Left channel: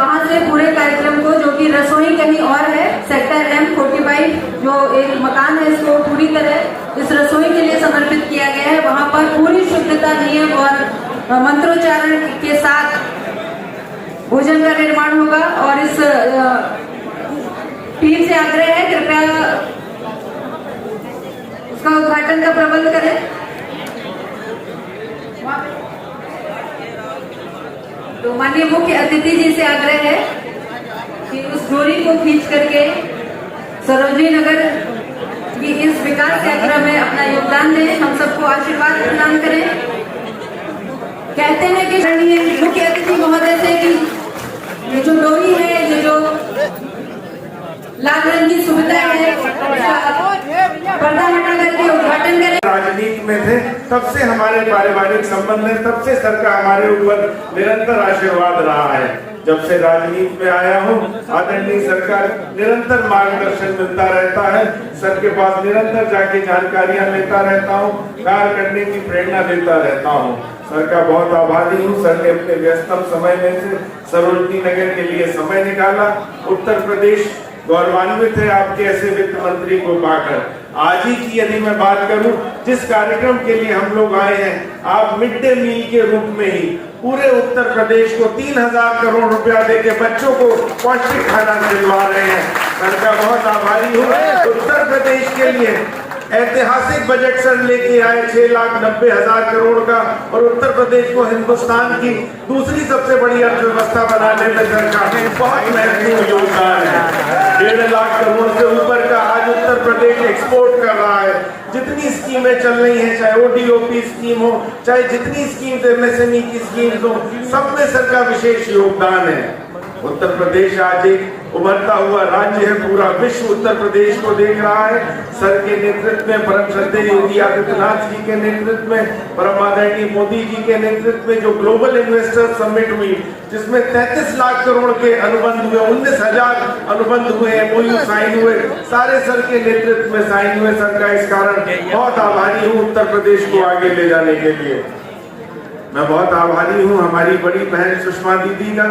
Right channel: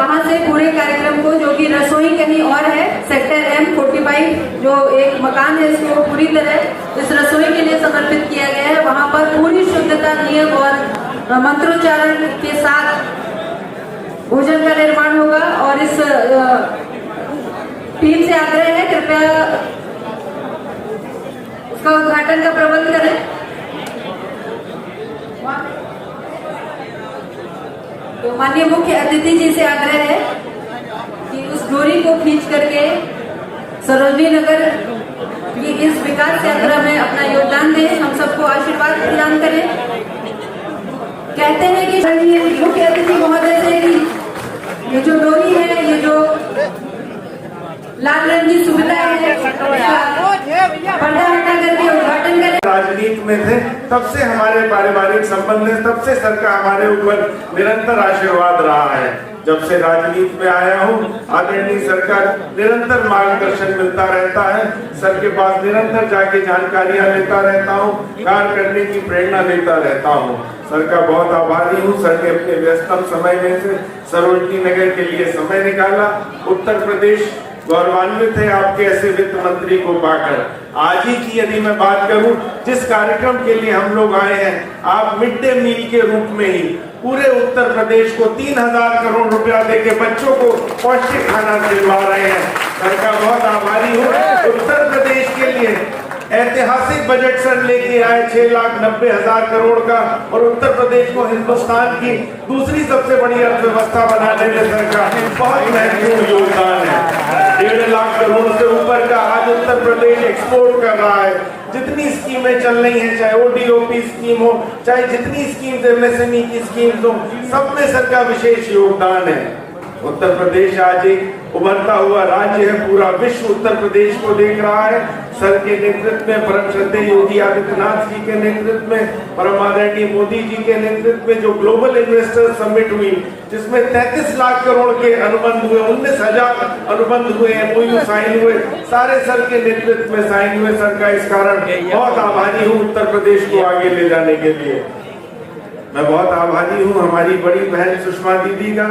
वहां से पूरे कार्यक्रम को, जो कि रसोई कहीं और है, सेक्टर M45 जो एक मकान है, इसको पूरी तरह इस रसोई के लिए समर्पित किया गया है। वहां पर पूरी शुद्धता, नियम और मंत्रोच्चारण के साथ भोजन का निर्माण होगा। और इस टीम से आग्रह है, कृपया उसका उद्घाटन का प्रबंध करें। तो माननीय मुख्य अतिथि जी से आग्रह है कि उस डोरी को खींच करके सरोजनी नगर की इस विकास यात्रा में अपना योगदान दें, हम सबको आशीर्वाद प्रदान करें। कहते हैं कि माननीय मुख्य अतिथि महोदय से कि ये जो डोरी है, ये जो लाल रंग की सुविधा है, पर्दा हटा करके उद्घाटन करें। राजनीति में थे तब से हमारे पारिवारिक संबंध है, तब से सर का हमारे ऊपर निरंतर आशीर्वाद रहा है। जब से राजनीति में आया हूँ, आदरणीय सरकार निरंतर मार्गदर्शन मिलता रहता है। सर के पास निरंतर जाके जानकारियां लेता रहता हूँ, कार्य करने की प्रेरणा लेता रहता हूँ। सर का बहुत आभारी हूँ। सर ने अपने व्यस्तम समय में से सरोजनी नगर के लिए समय निकाला। उत्तर प्रदेश गौरवान्वित है आपके ऐसे वित्त मंत्री को पाकर। आज ही की यदि मैं बात करूं, जिस कार्यक्रम के लिए हम लोग आए हैं, आप मिड डे मील के रूप में ही पूरे उत्तर प्रदेश को 3000 करोड़ रुपया देके बच्चों को पौष्टिक खाना दिलवा रहे हैं। सर का बहुत आभारी हूँ। उत्तर प्रदेश के लिए ऐतिहासिक बजट सर लेके आए 6,90,000 करोड़ का, और उत्तर प्रदेश को हिंदुस्तान की दूसरी सबसे बड़ी अर्थव्यवस्था बनाने में सरकार ने बहुत महत्वपूर्ण योगदान है। 1.5 लाख करोड़ से ऊपर का आज उत्तर प्रदेश एक्सपोर्ट कर रहा है। जितनी स्कीमें चल रही हैं, चाहे ODOP स्कीम हो, चाहे जितनी स्कीम MSME की स्कीम हो, सब में सर का विशेष योगदान है। उत्तर प्रदेश आज एक उभरता हुआ राज्य है। पूरा विश्व उत्तर प्रदेश को देख रहा है। सर के नेतृत्व में, परम श्रद्धेय योगी आदित्यनाथ जी के नेतृत्व में, परम आदरणीय मोदी जी के नेतृत्व में जो ग्लोबल इन्वेस्टर समिट हुई, जिसमें 33 लाख करोड़ के अनुबंध हुए, 19,000 अनुबंध हुए, MOU साइन हुए, सारे सर के नेतृत्व में साइन हुए। सर का इस कारण बहुत आभारी हूँ उत्तर प्रदेश को आगे ले जाने के लिए। मैं बहुत आभारी हूँ हमारी बड़ी बहन सुषमा दीदी का।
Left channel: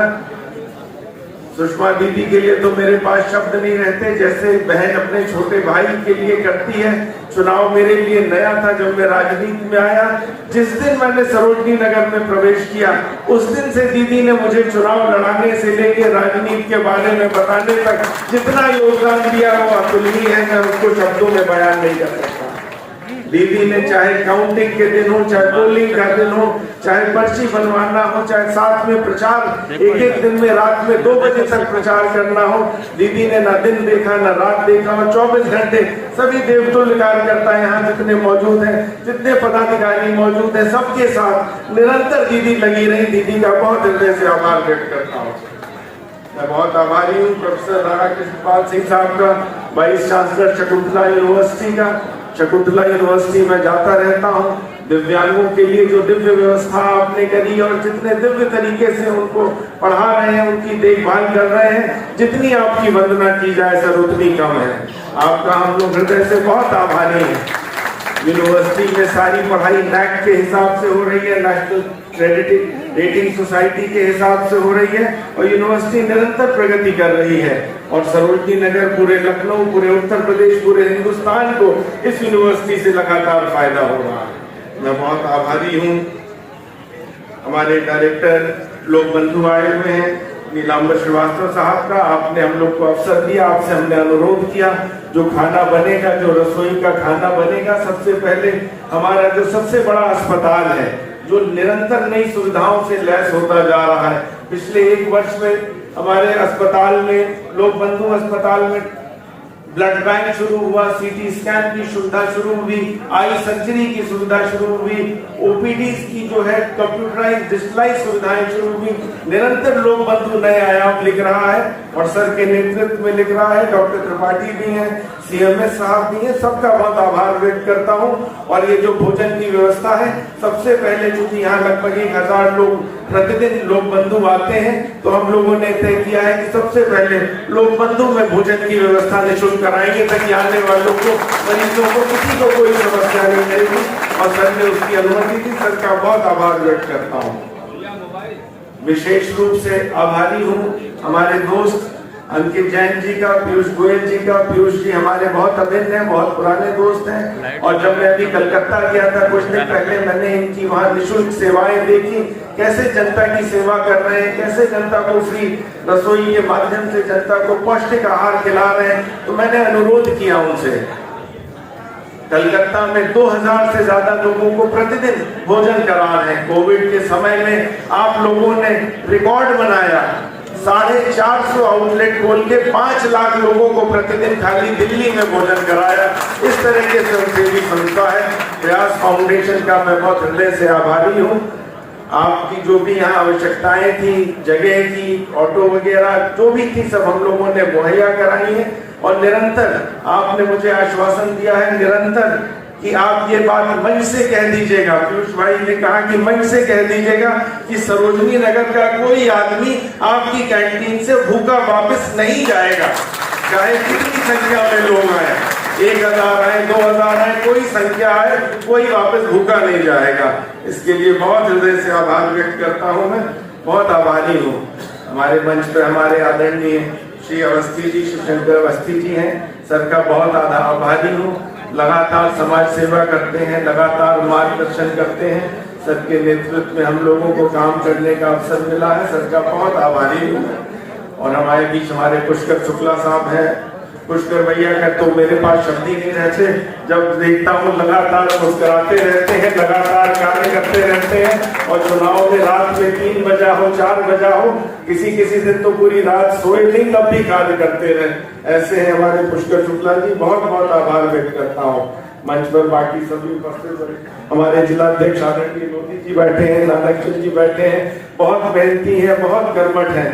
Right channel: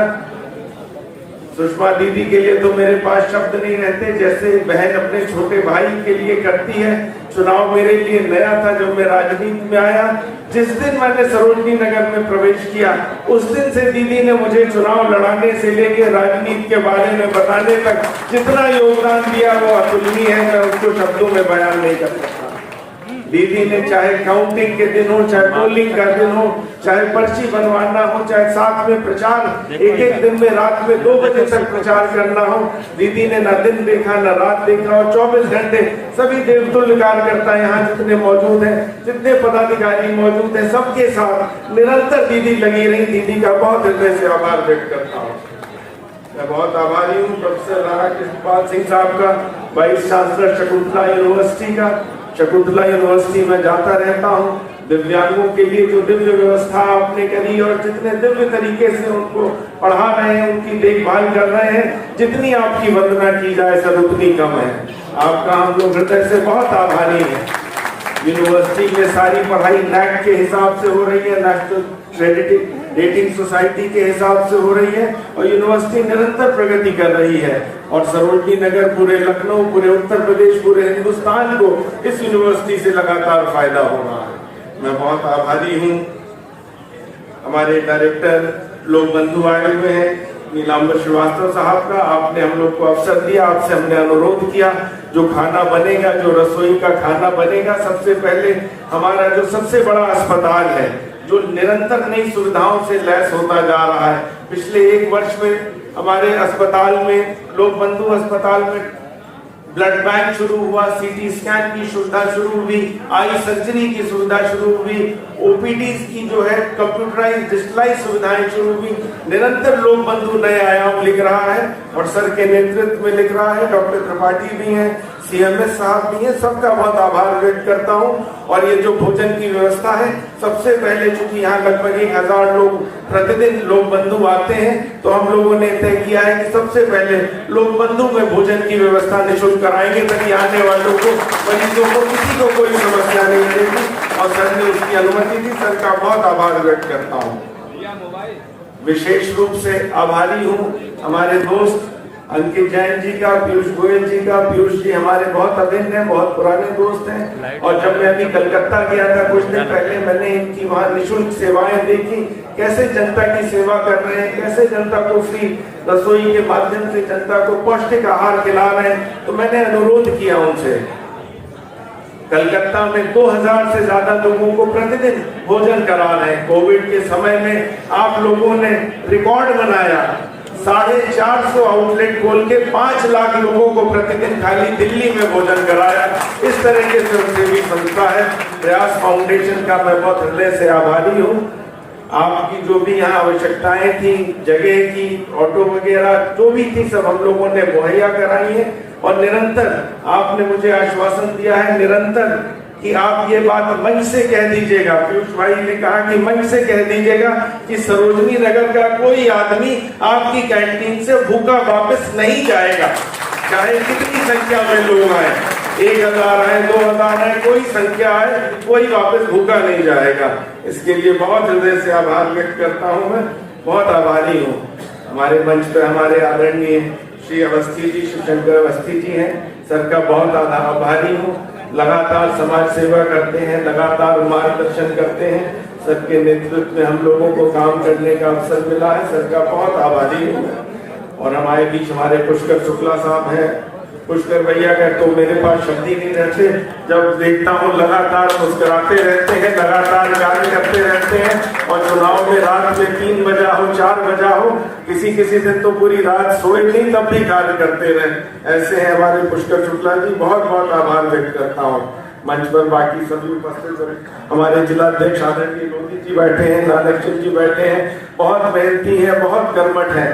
सुषमा दीदी के लिए तो मेरे पास शब्द नहीं रहते। जैसे बहन अपने छोटे भाई के लिए करती है। चुनाव मेरे लिए नया था जब मैं राजनीति में आया। जिस दिन मैंने सरोजनी नगर में प्रवेश किया, उस दिन से दीदी ने मुझे चुनाव लड़ाने से लेकर राजनीति के बारे में बताने तक जितना योगदान दिया वो अतुलनीय है। मैं उसको शब्दों में बयान नहीं कर सकता। दीदी ने चाहे काउंटिंग के दिन हो, चाहे पोलिंग का दिन हो, चाहे पर्ची बनवाना हो, चाहे साथ में प्रचार, एक दिन में रात में 2 बजे तक प्रचार करना हो, दीदी ने ना दिन देखा ना रात देखा, और 24 घंटे सभी देवतुल्य कार्यकर्ता यहाँ जितने मौजूद हैं, जितने पदाधिकारी मौजूद हैं, सबके साथ निरंतर दीदी लगी रही। दीदी का बहुत हृदय से आभार व्यक्त करता हूँ। मैं बहुत आभारी हूँ प्रोफेसर राधाकृष्ण सिंह साहब का, वाइस चांसलर शकुंतला यूनिवर्सिटी का। शकुंतला यूनिवर्सिटी में जाता रहता हूँ। दिव्यांगों के लिए जो दिव्य व्यवस्था आपने करी और जितने दिव्य तरीके से उनको पढ़ा रहे हैं, उनकी देखभाल कर रहे हैं, जितनी आपकी वंदना की जाए सर उतनी कम है। आपका हम लोग हृदय से बहुत आभारी हैं। यूनिवर्सिटी में सारी पढ़ाई NAC के हिसाब से हो रही है, नेशनल क्रेडिट रेटिंग सोसाइटी के हिसाब से हो रही है, और यूनिवर्सिटी निरंतर प्रगति कर रही है। और सरोजनी नगर, पूरे लखनऊ, पूरे उत्तर प्रदेश, पूरे हिंदुस्तान को इस यूनिवर्सिटी से लगातार फायदा हो रहा है। मैं बहुत आभारी हूँ हमारे डायरेक्टर लोक बंधु आए हुए हैं, नीलांबर श्रीवास्तव साहब का। आपने हम लोग को अवसर दिया, आपसे हमने अनुरोध किया, जो खाना बनेगा, जो रसोई का खाना बनेगा, सबसे पहले हमारा जो सबसे बड़ा अस्पताल है, जो निरंतर नई सुविधाओं से लैस होता जा रहा है। पिछले 1 वर्ष में हमारे अस्पताल में, लोक बंधु अस्पताल में ब्लड बैंक शुरू हुआ, CT स्कैन की सुविधा शुरू हुई, आई सर्जरी की सुविधा शुरू हुई, OPD की जो है कंप्यूटराइज डिजिटलाइज सुविधाएं शुरू हुई। निरंतर लोक बंधु नए आयाम लिख रहा है, और सर के नेतृत्व में लिख रहा है। डॉक्टर त्रिपाठी भी हैं, CMS साहब भी हैं, सबका बहुत आभार व्यक्त करता हूँ। और ये जो भोजन की व्यवस्था है, सबसे पहले चूंकि यहाँ लगभग 1000 लोग प्रतिदिन लोक बंधु आते हैं, तो हम लोगों ने तय किया है कि सबसे पहले लोक बंधु में भोजन की व्यवस्था निःशुल्क कराएंगे, ताकि आने वालों को, मरीजों को, किसी को कोई समस्या नहीं रहेगी। और सर ने उसकी अनुमति दी। सर का बहुत आभार व्यक्त करता हूँ। विशेष रूप से आभारी हूँ हमारे दोस्त अंकित जैन जी का, पीयूष गोयल जी का। पीयूष जी हमारे बहुत अभिन्न हैं, बहुत पुराने दोस्त हैं। और जब मैं अभी कलकत्ता गया था कुछ दिन पहले, मैंने इनकी वहाँ निःशुल्क सेवाएं देखी, कैसे जनता की सेवा कर रहे हैं, कैसे जनता को फ्री रसोई के माध्यम से जनता को पौष्टिक आहार खिला रहे हैं। तो मैंने अनुरोध किया उनसे, कलकत्ता में 2000 से ज्यादा लोगों को प्रतिदिन भोजन करा रहे हैं। कोविड के समय में आप लोगों ने रिकॉर्ड बनाया, 450 आउटलेट खोल के 5 लाख लोगों को प्रतिदिन खाली दिल्ली में भोजन कराया। इस तरह के स्वयंसेवी संस्था है प्रयास फाउंडेशन का, मैं बहुत हृदय से आभारी हूँ। आपकी जो भी यहाँ आवश्यकताएं थी, जगह की, ऑटो वगैरह जो भी थी, सब हम लोगों ने मुहैया कराई है। और निरंतर आपने मुझे आश्वासन दिया है निरंतर कि आप ये बात मंच से कह दीजिएगा। पीयूष भाई ने कहा कि मंच से कह दीजिएगा कि सरोजनी नगर का कोई आदमी आपकी कैंटीन से भूखा वापस नहीं जाएगा, चाहे कितनी संख्या में लोग आए, 1000 है, 2000 है, कोई संख्या है, कोई वापस भूखा नहीं जाएगा। इसके लिए बहुत हृदय से आभार व्यक्त करता हूँ। मैं बहुत आभारी हूँ। हमारे मंच पर हमारे आदरणीय श्री अवस्थी जी, श्री शंकर अवस्थी जी हैं, सर का बहुत आभारी हूँ। लगातार समाज सेवा करते हैं, लगातार मार्गदर्शन करते हैं। सबके नेतृत्व में हम लोगों को काम करने का अवसर मिला है, सर का बहुत आभारी हूँ। और हमारे बीच हमारे पुष्कर शुक्ला साहब हैं। पुष्कर भैया का तो मेरे पास शब्द ही नहीं रहते, जब देखता हूँ लगातार मुस्कुराते रहते हैं, लगातार कार्य करते रहते हैं। और चुनाव में रात में 3 बजा हो, 4 बजा हो, किसी किसी दिन तो पूरी रात सोए नहीं, तब भी कार्य करते रहे। ऐसे हैं हमारे पुष्कर शुक्ला जी, बहुत बहुत आभार व्यक्त करता हूँ। मंच पर बाकी सभी उपस्थित हमारे जिलाध्यक्ष आदरणीय मोदी जी बैठे हैं, नानक जी बैठे हैं, बहुत मेहनती है, बहुत कर्मठ है।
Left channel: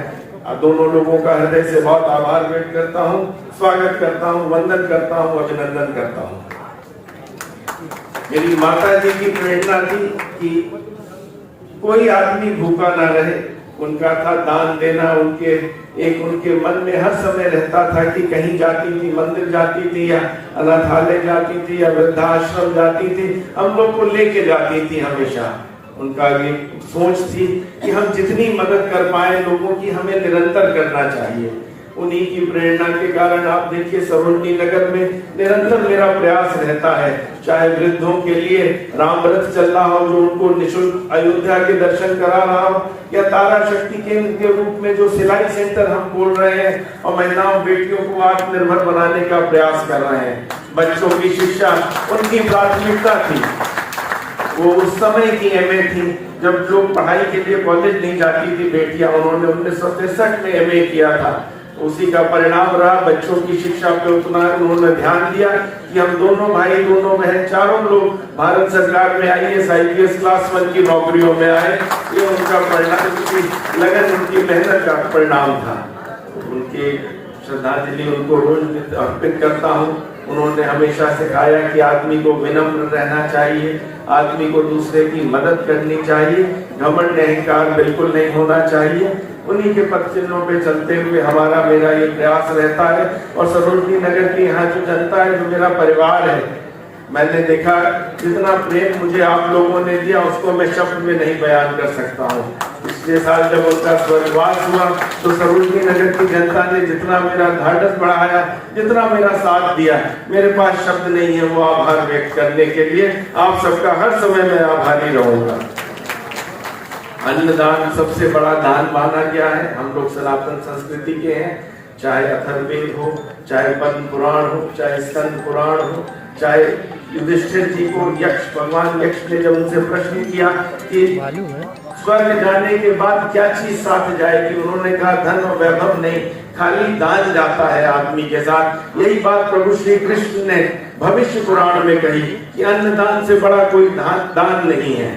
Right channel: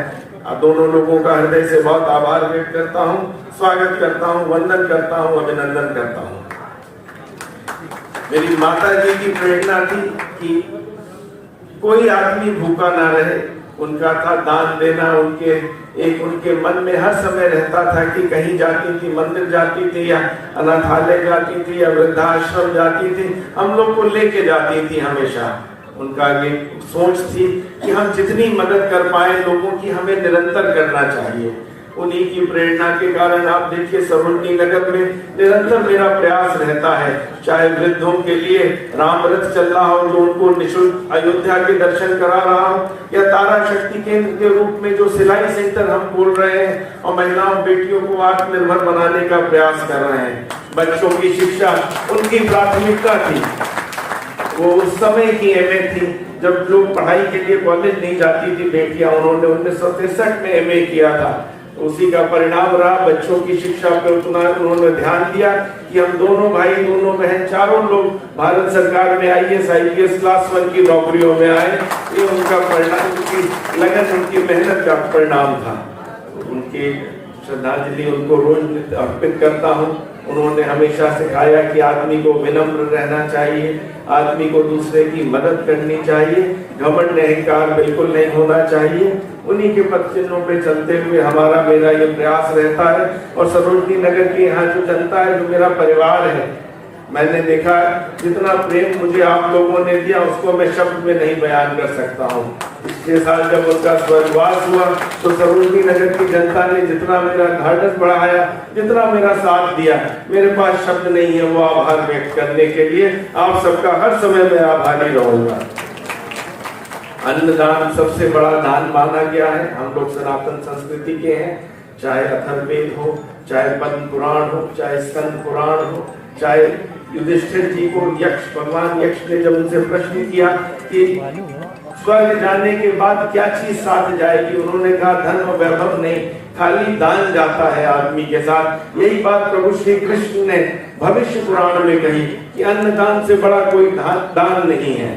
दोनों लोगों का हृदय से बहुत आभार व्यक्त करता हूँ, स्वागत करता हूँ, वंदन करता हूँ, अभिनंदन करता हूँ। मेरी माता जी की प्रेरणा थी कि कोई आदमी भूखा ना रहे, उनका था दान देना। उनके मन में हर समय रहता था कि कहीं जाती थी, मंदिर जाती थी या अनाथालय जाती थी या वृद्धाश्रम जाती थी, हम लोग को लेके जाती थी हमेशा। उनका ये सोच थी कि हम जितनी मदद कर पाए लोगों की, हमें निरंतर करना चाहिए। उन्हीं की प्रेरणा के कारण आप देखिए सरोजनी नगर में निरंतर मेरा प्रयास रहता है, चाहे वृद्धों के लिए राम रथ चल रहा हो, जो उनको निःशुल्क अयोध्या के दर्शन करा रहा हो, या तारा शक्ति केंद्र के रूप में जो सिलाई सेंटर हम खोल रहे हैं और महिलाओं बेटियों को आत्मनिर्भर बनाने का प्रयास कर रहे हैं। बच्चों की शिक्षा उनकी प्राथमिकता थी। वो उस समय की एमए थी जब लोग पढ़ाई के लिए कॉलेज नहीं जाती थी बेटियां, उन्होंने 1963 में एमए किया था। उसी का परिणाम रहा, बच्चों की शिक्षा पर उतना उन्होंने ध्यान दिया कि हम दोनों भाई, दोनों बहन, चारों लोग भारत सरकार में IAS IPS क्लास 1 की नौकरियों में आए। ये उनका परिणाम, उनकी लगन, उनकी मेहनत का परिणाम था। उनकी श्रद्धांजलि उनको रोज अर्पित करता हूँ। उन्होंने हमेशा सिखाया कि आदमी को विनम्र रहना चाहिए, आदमी को दूसरे की मदद करनी चाहिए, घमंड अहंकार बिल्कुल नहीं होना चाहिए। उन्हीं के पद चिन्हों पे चलते हुए मेरा ये प्रयास रहता है। और सरोजनी नगर की यहाँ जो जनता है, जो मेरा परिवार है, मैंने देखा जितना प्रेम मुझे आप लोगों ने दिया उसको मैं शब्द में नहीं बयान कर सकता हूँ। पिछले साल जब उनका स्वर्गवास हुआ तो सरोजनी नगर की जनता ने जितना मेरा ढाढ़स बढ़ाया, जितना मेरा साथ दिया, मेरे पास शब्द नहीं है वो आभार व्यक्त करने के लिए। आप सबका हर समय मैं आभारी रहूंगा। अन्नदान सबसे बड़ा दान माना गया है। हम लोग सनातन संस्कृति के हैं, चाहे अथर्ववेद हो, चाहे पद्म पुराण हो, चाहे स्कंद पुराण हो, चाहे युधिष्ठिर जी को भगवान यक्ष ने जब उनसे प्रश्न किया कि स्वर्ग जाने के बाद क्या चीज साथ जाएगी, उन्होंने कहा धन और वैभव नहीं, खाली दान जाता है आदमी के साथ। यही बात प्रभु श्री कृष्ण ने भविष्य पुराण में कही कि अन्नदान से बड़ा कोई दान नहीं है।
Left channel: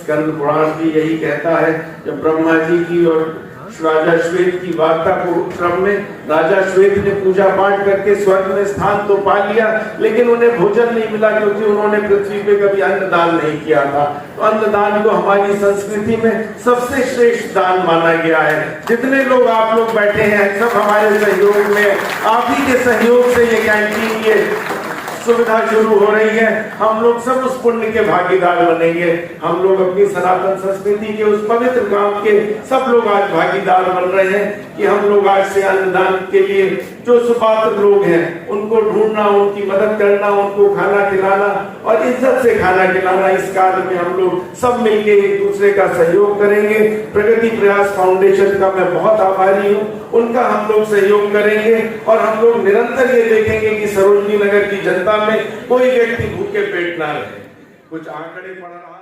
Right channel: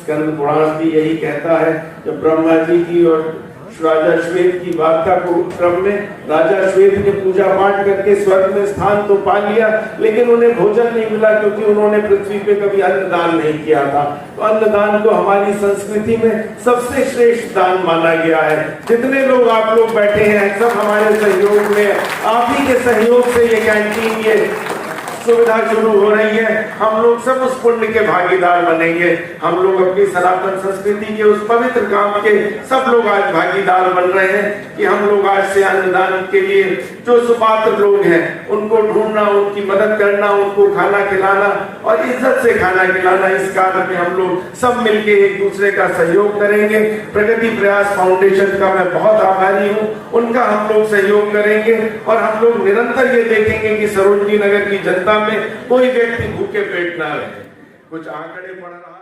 स्कंद पुराण भी यही कहता है। जब ब्रह्मा जी की और राजा श्वेत की वार्ता को क्रम में राजा श्वेत ने पूजा पाठ करके स्वर्ग में स्थान तो पा लिया, लेकिन उन्हें भोजन नहीं मिला क्योंकि उन्होंने पृथ्वी पे कभी अन्नदान नहीं किया था। तो अन्नदान को हमारी संस्कृति में सबसे श्रेष्ठ दान माना गया है। जितने लोग आप लोग बैठे हैं सब हमारे सहयोग में, आप ही के सहयोग से ये कैंटीन, ये सुविधा शुरू हो रही है, हम लोग सब उस पुण्य के भागीदार बनेंगे। हम लोग अपनी सनातन संस्कृति के उस पवित्र काम के सब लोग आज भागीदार बन रहे हैं कि हम लोग आज से अन्नदान के लिए जो सुपात्र लोग हैं उनको ढूंढना, उनकी मदद करना, उनको खाना खिलाना और इज्जत से खाना खिलाना, इस कार्य में हम लोग सब मिलके एक दूसरे का सहयोग करेंगे। प्रगति प्रयास फाउंडेशन का मैं बहुत आभारी हूँ, उनका हम लोग सहयोग करेंगे और हम लोग निरंतर ये देखेंगे कि सरोजनी नगर की जनता में कोई व्यक्ति भूखे पेट ना रहे। कुछ आंकड़े पढ़ रहा